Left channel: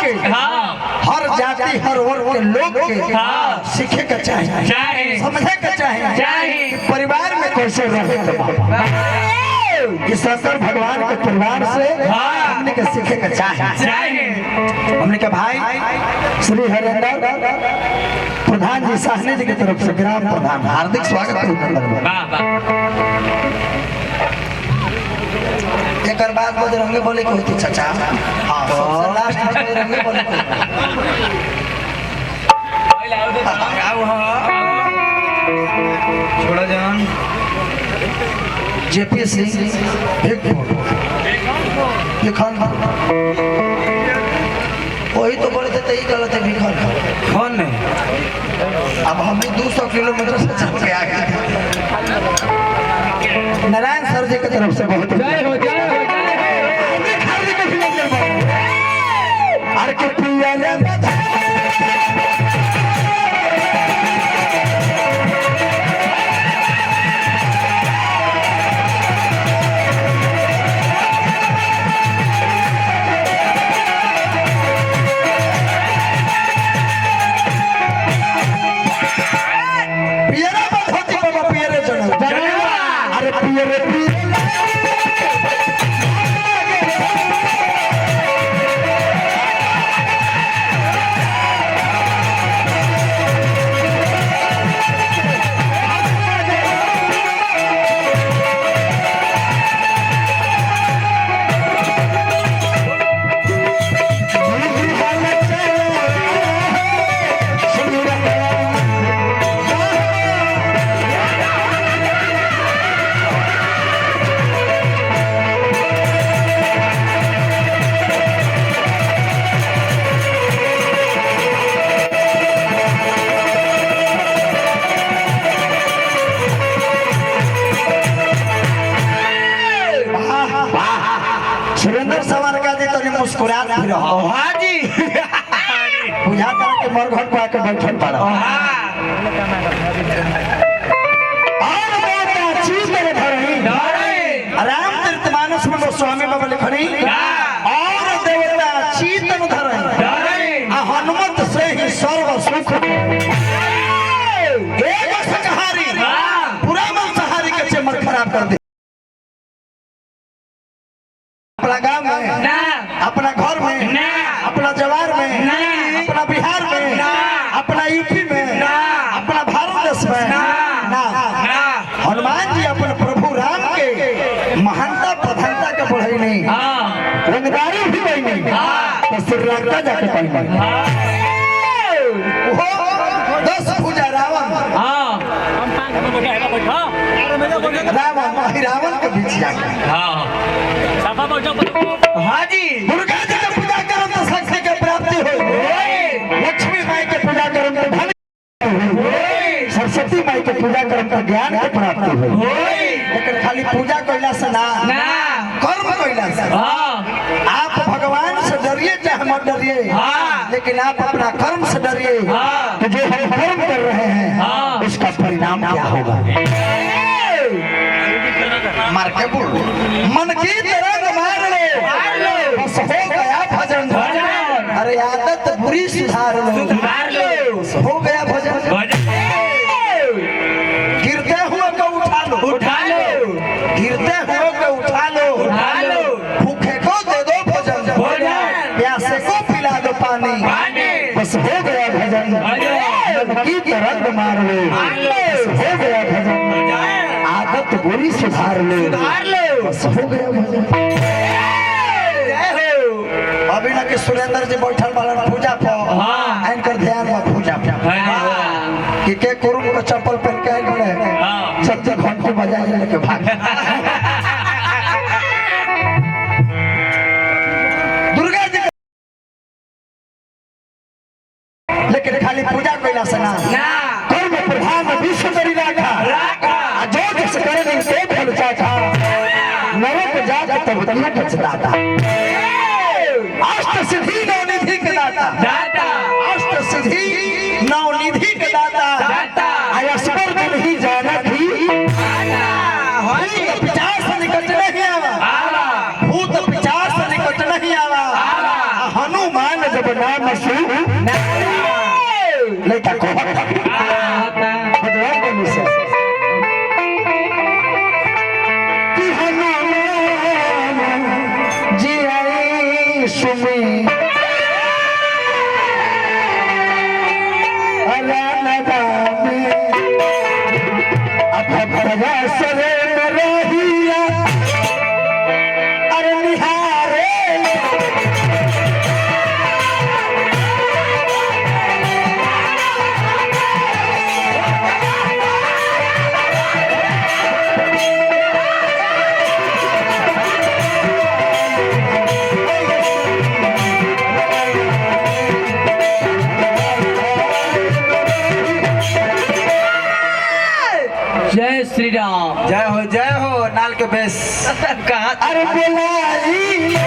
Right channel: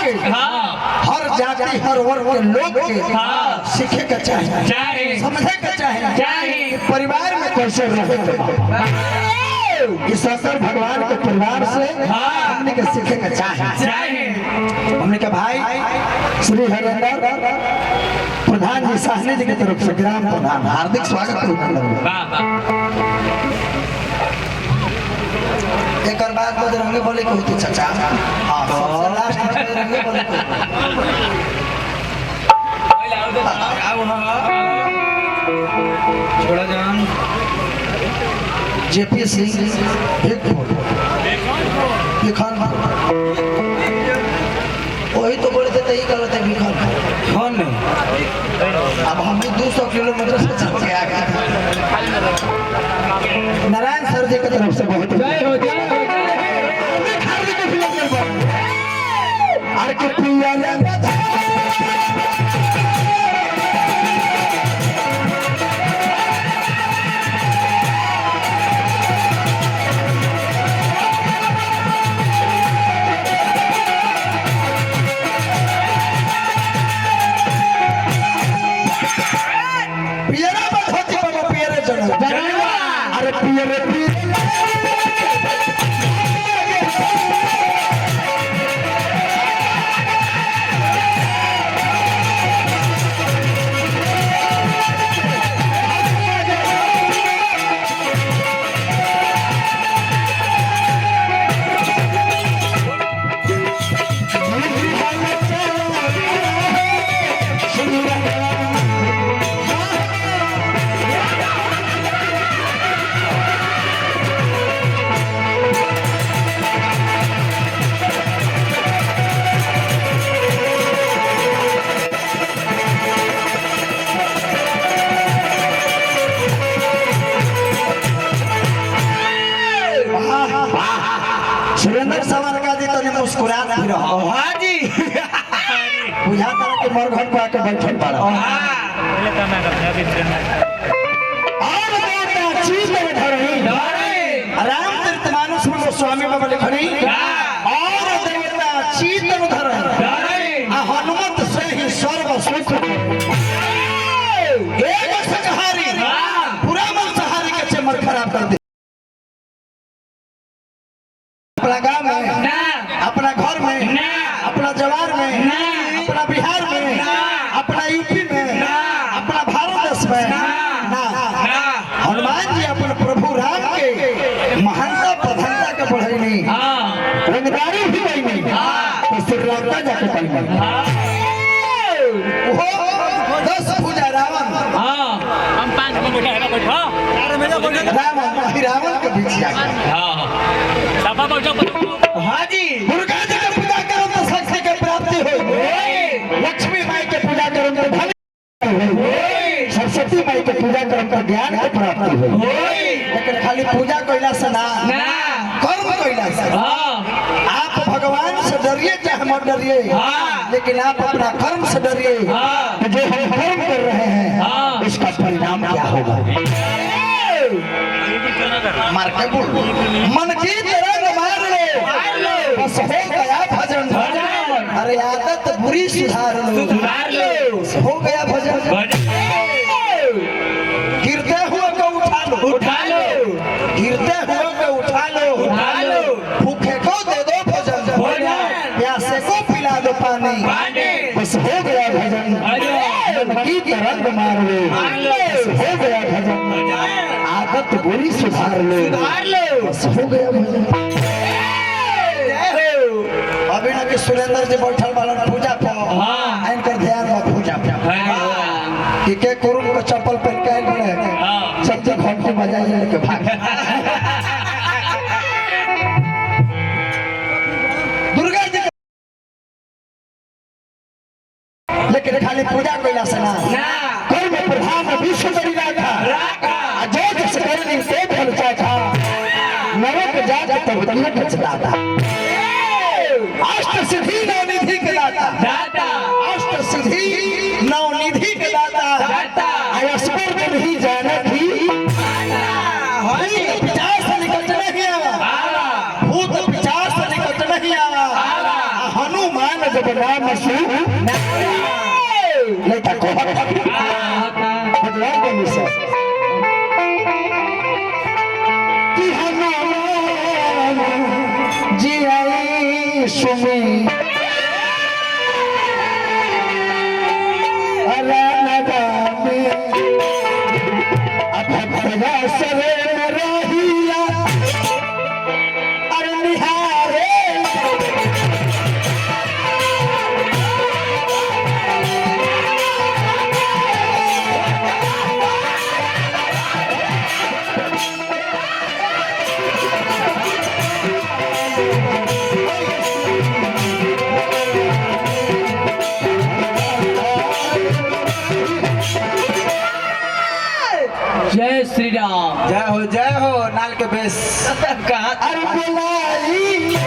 के हर जाति हर वर्ग के लोग के सीखे के चाहिए, समझे के चाहिए परिवार में कैसे रहे। इस शंकर भगवान के परिवार से हमने के सीखे के चाहिए। हमने के भाई श्री हरेंद्र प्रधान जी साहनी जी की तरफ से ग्राम प्रधान हार्दिक स्वागत एक बाद बजरंगे बोले की होती चाचा। हाँ बजरंगे बोले छोड़ा जान जेपी सिंह वही तो बोले थे यही गलत है भिखान खान नहीं। अब हम भी 200 किलोमीटर से चल के आ गए। नारायण सर जी की तरफ से बहुत जय हो जय हो सुरेंद्र सावरकर जी तो मुस्कुरात भी रहो। हाँ जी बुझा तरह के मरघट को आके बैठल पड़ा। रामचरितमानस में गोस्वामी बाबा लिखनी और देवता चीतन धरई हनुमत से ही सर्व सुख एक शाकाहारी पूरा मांसाहारी के चमक खराब कर दे। अपना गांव में अपना घर में अपना जवार में अपना बिहार में अपना यूपी में अपना भारत देश में हनुमान जी अपने प्रभु राम के महानता प्रधानता के बढ़ाई नहीं रंगदारी भी गई नहीं तो श्रीलंका जाके पाई नहीं 10 पूजा रावण रावण के बीच जाके हाँ जी दुर्गा जी के पूजा करो तो शक्ति के प्राप्ति हो। लक्ष्मी माई के पूजा करो तो धन, सरस्वती माई के पूजा करो तो ज्ञान के प्राप्ति हो। लेकिन खाली पूजा कोइला से ना कर्म कोइला से आप भगवान से डरिए चाहे मत डरिए लेकिन आप अपना कर्म से डरिए तो जो हम कर्म कर रहे हैं उसका परिणाम क्या होगा। मार के बोल मन की तरंग मार लो बस हो गया भजन। अरे आदत बुरी सुधार लो हो गया भजन। गिरते हुए को उठा लो गिरते हुए को उठा लो भूखे को दे दो भोजन प्यासे को पिला दो पानी बस हो गया भजन। मन की तरंग मार लो बस हो गया भजन। आदत बुरी सुधार लो बस हो गया भजन। अभी ना कि सुरेंद्र जी बैठल वाला पूजा पाओ एंकर ध्यान में पूजा कि के कुरुम का चप्पल पहन के आइल बड़े सब घंटी बजाई लेके भाग। दुर्गा जी लेकिन खाली पूजा कोइला से ना कर्म प्रधान विश्व करी राखा जो किस करे नहीं ते फल चाचा नरक जाके तब तक बचदाता। अष्ट सिद्धि नवनिधि के दाता अष्ट सिद्धि नवनिधि के दाता आया स्वर्ग नहीं जानत ही भूत पिचार से निकट नहीं आवा हनुमान जब नाम मसू लड़का को मतलब के मिसे कि हनाम जी आई सुमी अला नदामी अब भगा सरे रहिया अरे निहारे जय श्री राम। जय हो नाल के बेस कहाँ अरे बुलाई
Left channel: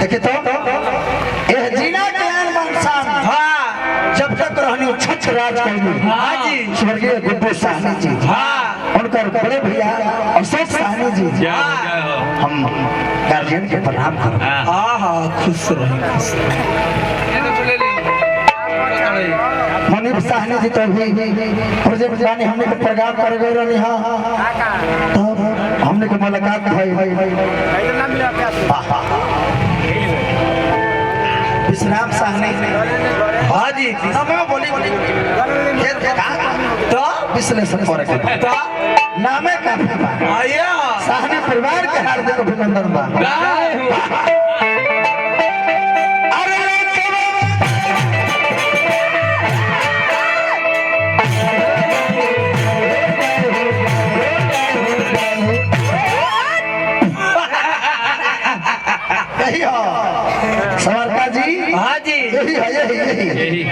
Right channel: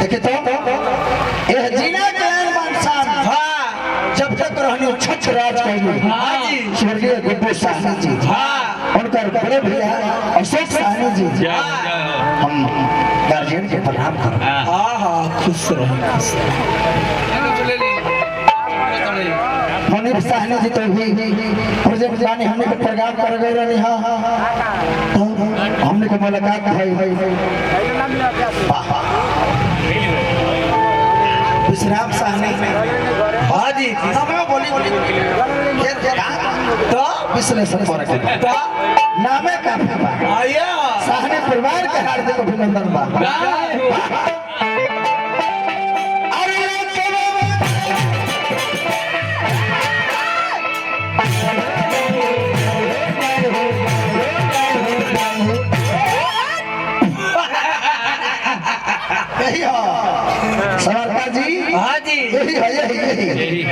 देखे तो यह जीना के आन शान हाँ जब तक रहनी छछ राज करी हाँ जी स्वर्गीय गुड्डू साहनी जी हाँ उनका बड़े भैया अशोक साहनी जी हम गार्जियन के प्रणाम करते हैं। हाँ हाँ खुश रहे मनीष साहनी जी तो भी प्रोजेक्ट जाने हमने को प्रोग्राम कर गए रहे हाँ तो हमने को मुलाकात भाई विश्राम साहनी हाँ जी हमें बोली ये तो विश्लेषण कर तो नामे काफी बा आइए साहनी परिवार के हार्दिक अभिनंदन बा सवारकर जी हाँ जी यही है यही